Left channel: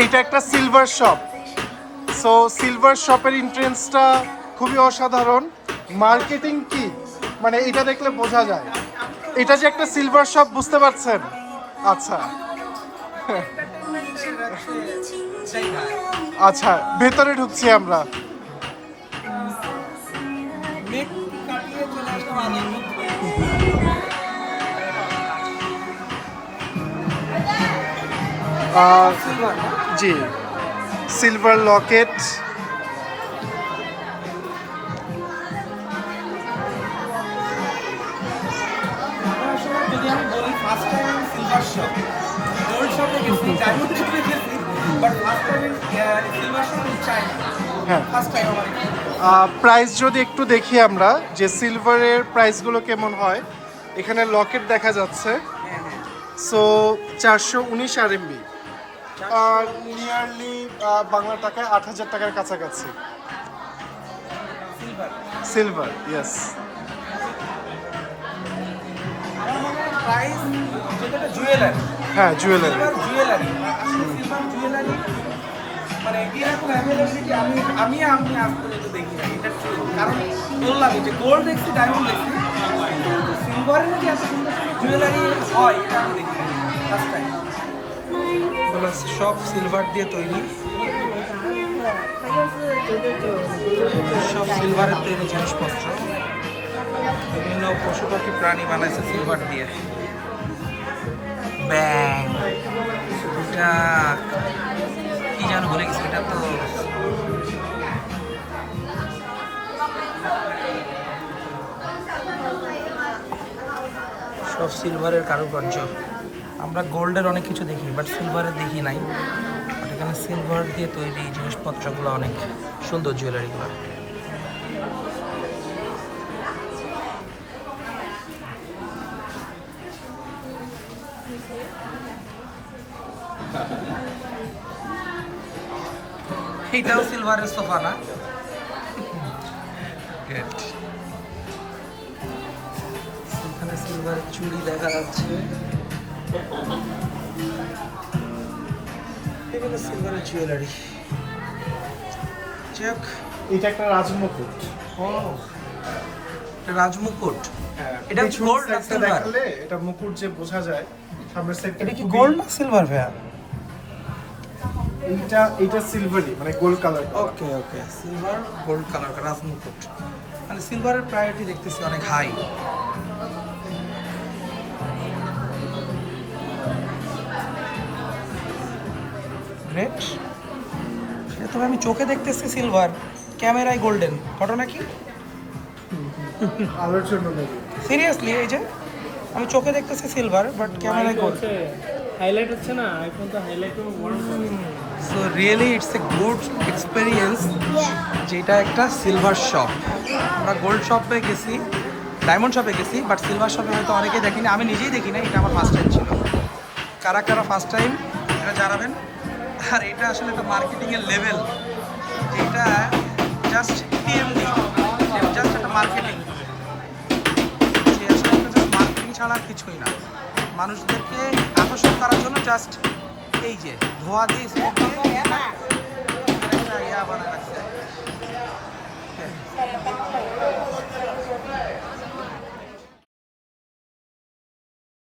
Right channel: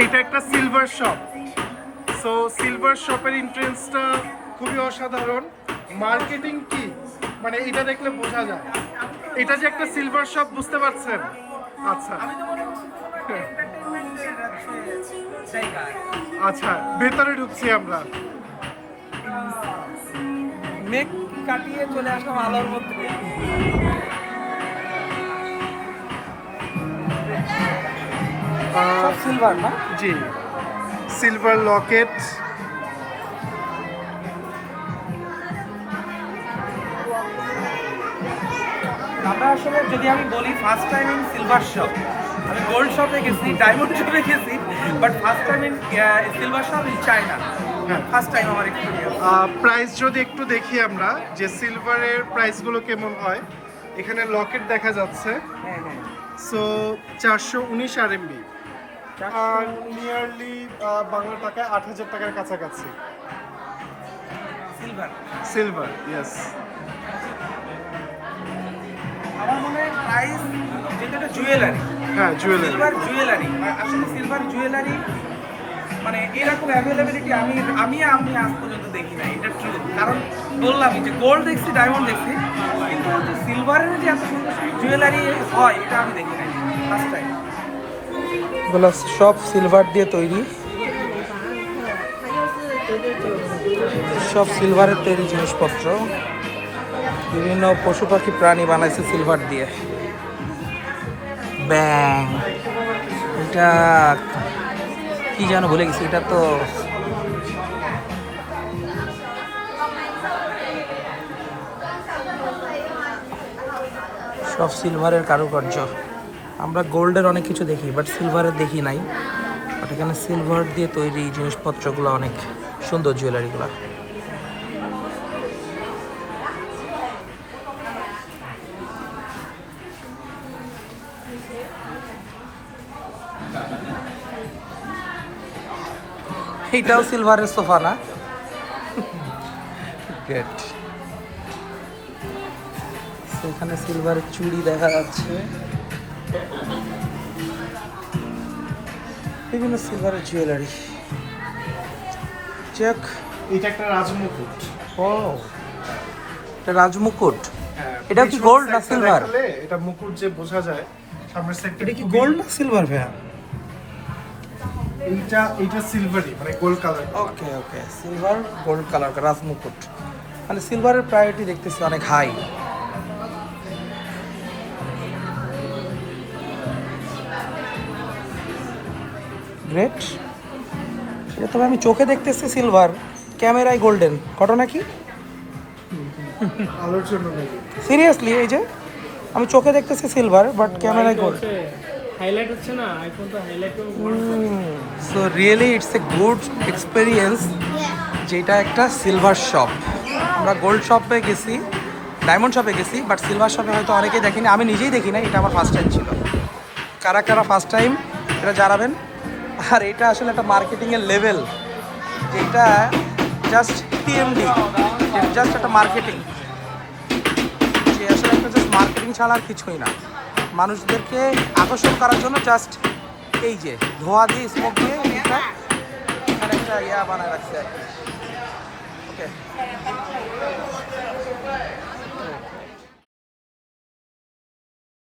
এইটা একটা silver shop so silver শপের এন্ট্রেন্সটা খুবই অসাধারণ। মার্কেটিং কি? মানে এটা দেখলে বোঝা যায়। এটা যে একটা সিলভার শপ বুঝতে পারছেন? আচ্ছা। আচ্ছা ভেতরে ঢুকছি আমরা। মেঘ কাটিয়ে চলে আসলাম আলোর মধ্যে। জি। সিলভার লকেট আমরা আসলে যদি আমি বলি first time in silver shop আমি গোল্ড শপে গেছি ডায়মন্ড শপে গেছি but first time in silver shop in China হ্যাঁ। ফার্স্ট টাইম আমার এক্সপিরিয়েন্স প্রাইস যদি একটু দেখি আমরা যে সিলভারের প্রাইসগুলো কেমন হয় এখানে লকেট দেখা যাচ্ছে। সো চারশো উনিশ আর এমবি আর নিয়ারলি বাংলা টাকায় আট হাজার টাকার কাছাকাছি। সিলভার সিলভার ইয়েস আমার মনে হয় প্রাইস যেটা জুয়েলারি হ্যাঁ জুয়েলারি জুয়েলারি আসলে সিলভার জুয়েলারি মানে এরকম অ্যাভেলেবিলিটি আমি আমি আমি আজ পর্যন্ত দেখি না এটা ট্রু কারণ বললামই যে গোল্ড দেখছি ডায়মন্ড দেখছি, কিন্তু সিলভারের যে এত সুন্দর জুয়েলারি হয়, এটা আমি দেখি নাই ফার্স্ট টাইম সব সিলভার দিয়ে তৈরি? সব সিলভারের তৈরি জিনিসপত্র। বিভিন্ন পশু পাখি, প্রাণী বানাইছে সিলভার দিয়ে। ব্যাং। এটা কি যেন ভুলে গেছি, এটা তো সব সিলভারের কারুকার্য। আমরা গোল্ডের অনেক কিছু দেখি বাট সিলভারের দেখি নাই। বাট এখানে সিলভার দিয়ে তৈরি জিনিসপত্রগুলো অনেক সুন্দর জুয়েলারিগুলো এইটাও সিলভারের সোফা না। গ্রেট এখানে সিলভারের চুড়ি দেখা যাচ্ছে। বিভিন্ন সিলভারের জুয়েলারি চেক এটা একটা রাজমুকুট। ও এটা রাজমুকুট? এটা কি গোল্ড না সিলভার এটা মুকুট যে বোঝা যায় সামনের সাইডটা এটা কি গোল্ড না সিলভার ভাইয়া? এইটা এইটা সিলভারই মানে gold colour okay okay silver gold colour Rajmukut. মানে সিলভারের প্রায়োরিটি দেখতেছি অনেক হাই গ্রেট এটা তবে আমি চোখে দেখতেছি সিলভার ক্যামেরায় গোল্ডেন ঘটনা কি? আলোর জন্য নাকি? সিরিয়াসলি এই যে? আমি চোখে দেখতেছি সিলভার বাট ক্যামেরায় গোল্ড হাইলাইট হচ্ছে না আইফোন তো highlight so really it's a good experience যেটা একটা সিলভার শপ আমরা গোল্ড শপে গেছি ডায়মন্ড শপে গেছি বাট সিলভার শপে হয়তো অনেকেই দেখিনি আমি নিজেই দেখি না এটা আমার ফার্স্ট টাইম ছিল। কারা কারা ফার্স্ট টাইম এটা জানাবেন? আর এটা আসলে একটা মার্কেটিংয়ের লেভেল এটা জাস্ট টিএমডি জাস্ট একটা মার্কেটিং যে আসলে একটা মার্কেটিং ছাড়া আর কিছুই না। মানুষদেরকে আকর্ষণ করার জন্য জাস্ট এই যে ধোয়া দিয়ে স্মোক দিয়ে বানায় রাখছে। ওকে